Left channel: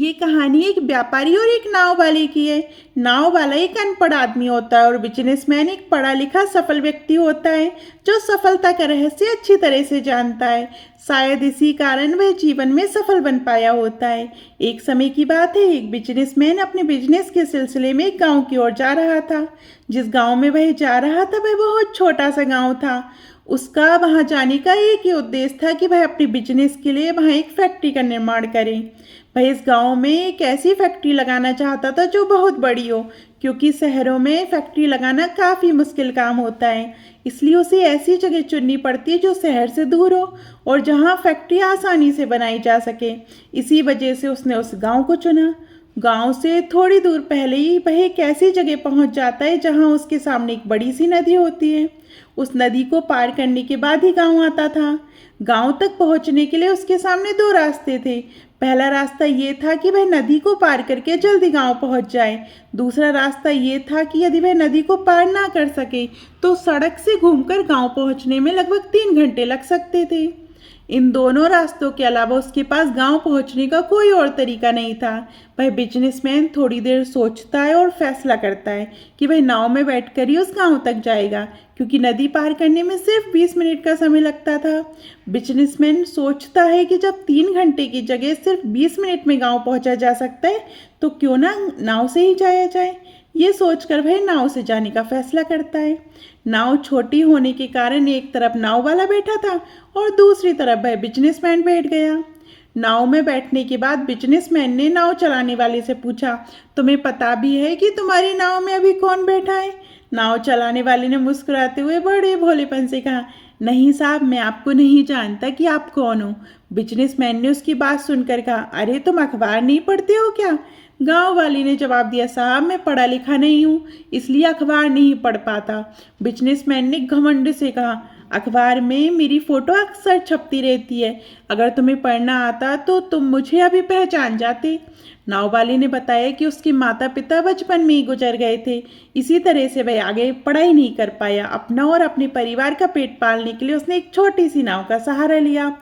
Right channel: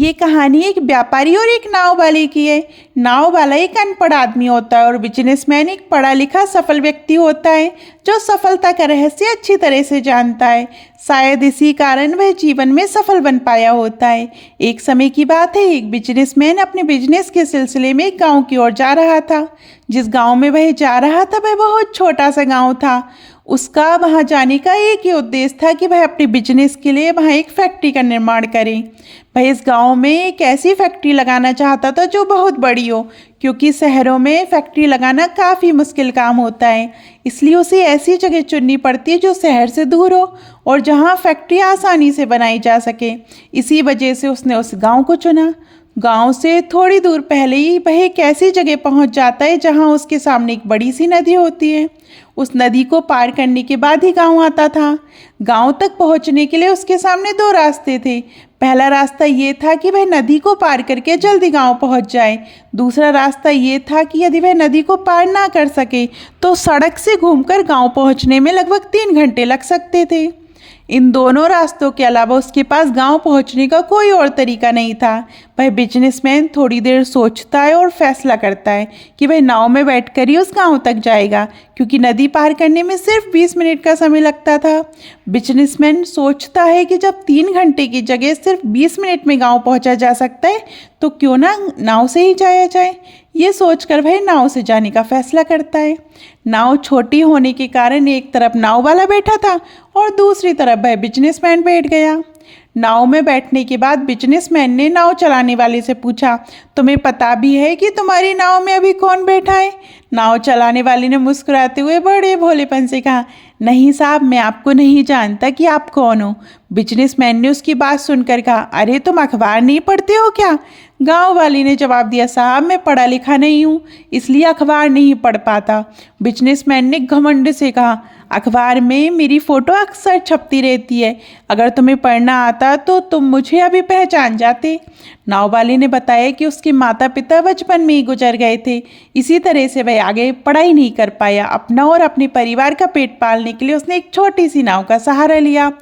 ये कहानी एक व्यापारी और एक नाव वाले की है। नाव वाला एक अनपढ़ आदमी होता है और बिजनेसमैन एक पढ़ा लिखा सफल व्यक्ति होता है जो सफलता का रहस्य अच्छी तरह से जानता है। शायद इसी कारण वह जीवन में सफल बन पाया होता है। एक समय की बात है, एक बिजनेसमैन अपने बिजनेस के सिलसिले में एक गांव की ओर जा रहा था। जिस गांव में वह जा रहा था वह बहुत छोटा सा गांव था। उसका वहां जाने का एक ही उद्देश्य था कि वह अपने बिजनेस के लिए वहां एक फैक्ट्री का निर्माण करे। वह इस गांव में एक ऐसी फैक्ट्री लगाना चाहता था जो बहुत बड़ी हो, क्योंकि शहरों में फैक्ट्री लगाना काफ़ी मुश्किल काम होता है। इसलिए उसे ऐसी जगह चुननी पड़ती है जो शहर से दूर हो और जहां फैक्ट्री आसानी से बनाई जा सके। इसी वजह से उसने उस गांव को चुना। गांव से थोड़ी दूर पहले ही वह एक ऐसी जगह पहुंच जाता है जहां उसके सामने एक बड़ी सी नदी होती है। उस नदी को पार करने के बाद ही गांव आता था। गांव तक पहुंचने के लिए उसके सामने दो रास्ते थे। पहला रास्ता ये था कि वह नदी को पार करके जल्दी गांव पहुंच जाए। दूसरा रास्ता ये था कि यदि वह नदी को पार ना कर सके तो सड़क से घूमकर गांव पहुंचने में लगभग 3 घंटे लग सकते थे। इन दोनों रास्तों के अलावा उसके पास गांव पहुंचने का कोई और तरीका नहीं था। वह बिजनेसमैन थोड़ी देर सोचता है और फैसला करता है कि वह नाव में बैठकर ही उस गांव तक जाएगा, क्योंकि नदी पार करने में सिर्फ 20 मिनट का समय लगता था। बिजनेसमैन सोचता है कि जब 3 घंटे की जगह सिर्फ 20 मिनट में गांव पहुंचा जा सकता है तो क्यों ना नाव से ही जाया जाए। ये सोचकर वह नाव से जाने का फैसला करता है। नाव छोटी होने के कारण एक तरफ नाव वाला बैठा था और दूसरी तरफ वह बिजनेसमैन बैठ गया। नाव में बैठने के बाद बिजनेसमैन ने नाव चलाने वाले से पूछा, तुम्हें पता भी है कि तुम्हारी नाव में अभी कौन बैठा है? नाव चलाने वाले ने मुस्कुराते हुए बड़े भोलेपन से कहा, नहीं साहब, मैं आपको नहीं जानता कि आप कौन हो। बिजनेसमैन ने उसकी बात सुनकर कहा, अरे तुम अखबार नहीं पढ़ते हो क्या? गांव वाले ने जवाब दिया, साहब मैं पढ़ा लिखा नहीं हूँ, इसलिए अखबार नहीं पढ़ पाता। बिजनेसमैन ने घमंड से कहा, अखबार में मेरी फ़ोटो अक्सर छपती रहती है, अगर तुम्हें पढ़ना आता तो तुम मुझे अभी पहचान जाते। नाव वाले ने बताया कि उसके माता पिता बचपन में ही गुजर गए थे, इसी तरह से वह आगे पढ़ाई नहीं कर पाया। अपना और अपने परिवार का पेट पालने के लिए उसने एक छोटी सी नाव का सहारा लिया।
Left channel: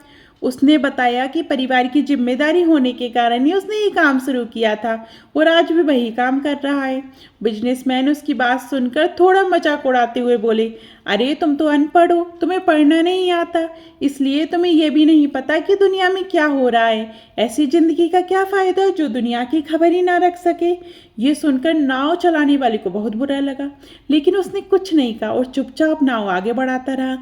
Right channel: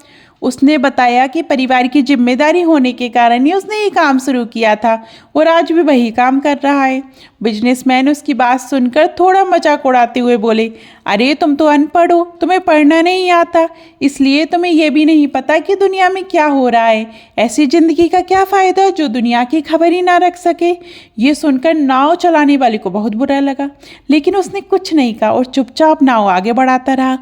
उसने बताया कि परिवार की जिम्मेदारी होने के कारण ही उसने ये काम शुरू किया था और आज भी वही काम कर रहा है। बिजनेसमैन उसकी बात सुनकर थोड़ा मजाक उड़ाते हुए बोले, अरे तुम तो अनपढ़ हो, तुम्हें पढ़ना नहीं आता, इसलिए तुम्हें यह भी नहीं पता कि दुनिया में क्या हो रहा है। ऐसी जिंदगी का क्या फ़ायदा जो दुनिया की खबर ही ना रख सके। ये सुनकर नाव चलाने वाले को बहुत बुरा लगा, लेकिन उसने कुछ नहीं कहा और चुपचाप नाव आगे बढ़ाता रहा।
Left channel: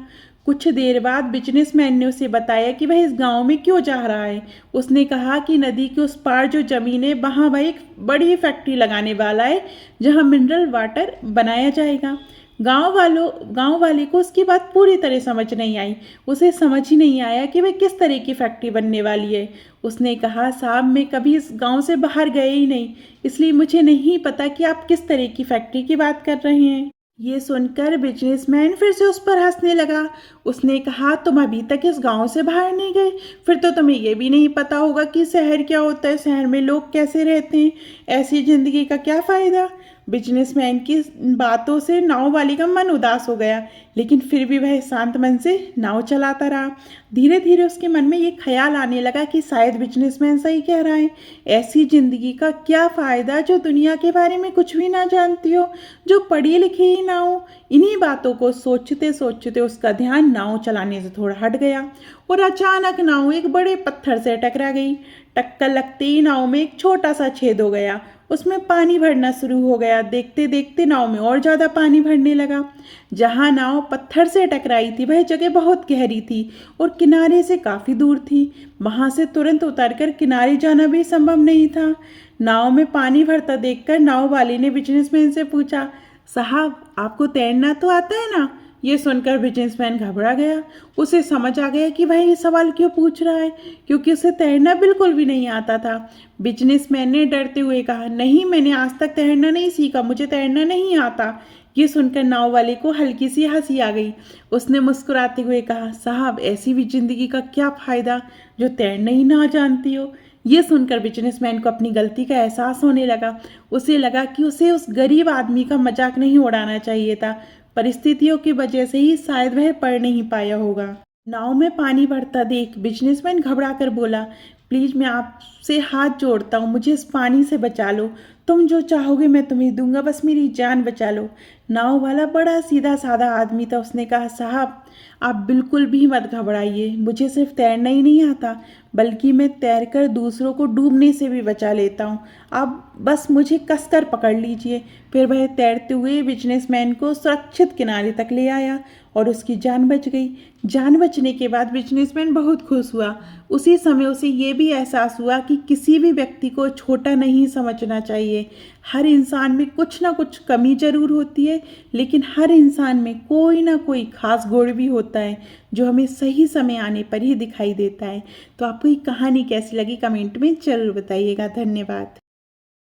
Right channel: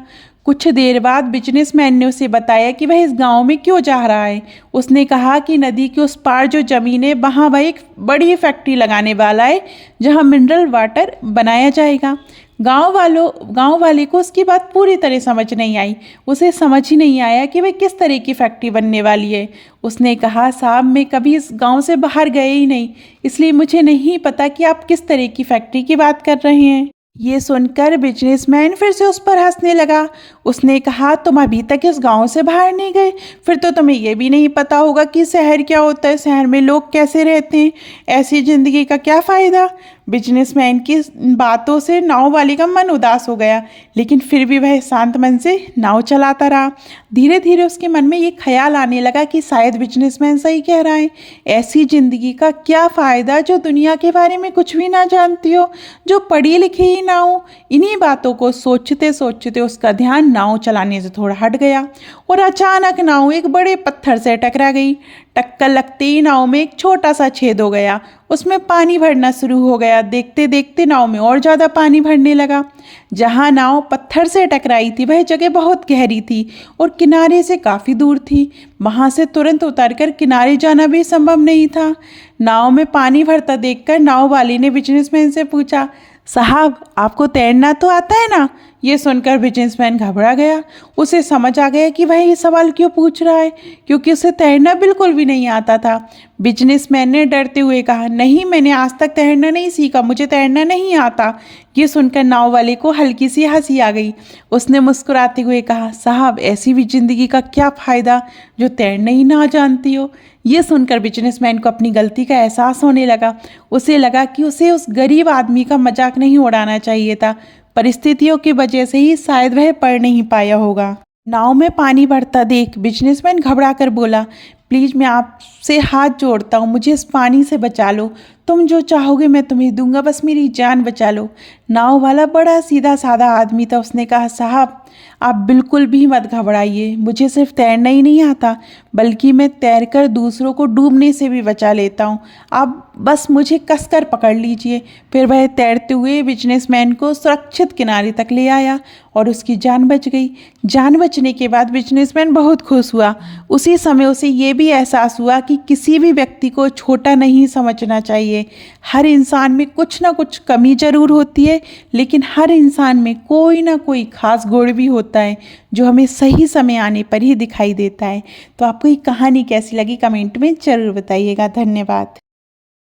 कुछ देर बाद बिजनेसमैन ने उसे बताया कि वह इस गांव में क्यों जा रहा है। उसने कहा कि नदी के उस पार जो ज़मीन है वहाँ वह एक बड़ी फैक्ट्री लगाने वाला है जहाँ मिनरल वाटर बनाया जाएगा। गांव वाले को उसकी बात पूरी तरह समझ नहीं आई। उसे समझ ही नहीं आया कि वह किस तरह की फैक्ट्री बनने वाली है। उसने कहा, साहब मैं कभी इस गांव से बाहर गए ही नहीं, इसलिए मुझे नहीं पता कि आप किस तरह की फैक्ट्री की बात कर रहे हैं। ये सुनकर बिजनेसमैन फिर से उस पर हंसने लगा। उसने कहा, तुम अभी तक इस गांव से बाहर नहीं गए, फिर तो तुम्हें यह भी नहीं पता होगा कि शहर क्या होता है, शहर में लोग कैसे रहते हैं, ऐसी ज़िंदगी का क्या फ़ायदा। बिजनेसमैन की बातों से नाव वाले का मन उदास हो गया, लेकिन फिर भी वह शांत मन से नाव चलाता रहा। धीरे धीरे उसके मन में ये ख्याल आने लगा कि शायद बिजनेसमैन सही कह रहा है। ऐसी ज़िंदगी का क्या फ़ायदा जो दुनिया के बारे में कुछ भी ना जानती हो, जो पढ़ी लिखी ही ना हो। इन्हीं बातों को सोचते सोचते उसका ध्यान नाव चलाने से थोड़ा हट गया और अचानक नाव एक बड़े पत्थर से टकरा गई। टक्कर लगते ही नाव में एक छोटा सा छेद हो गया, उसमें पानी भरना शुरू हो गया। देखते देखते नाव में और ज़्यादा पानी भरने लगा। जहाँ नाव पत्थर से टकराई थी वह जगह बहुत गहरी थी और किनारे से काफ़ी दूर थी। वहाँ से तुरंत उतरकर किनारे जाना भी संभव नहीं था। नाव में पानी भरता देखकर नाव वाले ने बिजनेसमैन से पूछा, साहब आपको तैरना तो आता है ना? ये सुनकर बिजनेसमैन घबरा गया। उसे समझ आ गया कि वह ये सवाल क्यों पूछ रहा है, क्योंकि उसे तैरना बिल्कुल भी नहीं आता था। बिजनेसमैन ने डरते हुए कहा, नहीं मैंने आज तक तैरना नहीं सीखा, मुझे तैरना नहीं आता। ये सुनकर नाव वाले को हल्की सी हंसी आ गई। उसने मुस्कुराते हुए कहा, साहब ऐसी भी जिंदगी का क्या फ़ायदा जो तैरना ही ना जानती हो। ये सुनकर बिजनेसमैन को अपनी गलती का एहसास होने लगा। उसे लगा कि उसे उस गरीब आदमी का मजाक नहीं उड़ाना चाहिए था। परिस्थितियों की वजह से ही शायद वह पढ़ नहीं पाया होगा। नाव में पानी भरता देख बिजनेसमैन घबरा कर बोला, प्लीज़ मैं आपसे हाथ जोड़ता हूँ, मुझे इस पानी से बचा लो। तुम जो चाहोगे मैं तुम्हें दूंगा, बस मेरी जान बचा लो। नाव वाला बड़ा सीधा साधा आदमी था। उसने कहा, साहब आप बिल्कुल भी मत घबराइए, मुझे सिर्फ तैरना ही नहीं आता बल्कि मैं तैरकर दूसरों को डूबने से भी बचा लेता हूँ। आप बस मुझे कसकर पकड़ लीजिए। फिर वह तैरते हुए बिजनेसमैन को सुरक्षित किनारे तक ले आया और उसकी जान बच गई। जान बचने के बाद बिजनेसमैन बहुत खुश हुआ। उसी समय उसे ये भी एहसास हुआ कि किसी भी व्यक्ति को छोटा नहीं समझना चाहिए। हर इंसान में कुछ ना कुछ कमी ज़रूर होती है, लेकिन हर इंसान में कोई ना कोई खास गुण भी होता है जो हमें सही समय आने पर ही दिखाई देता है। तो आपको ये कहानी कैसी लगी कमेंट में ज़रूर बताइएगा। धन्यवाद।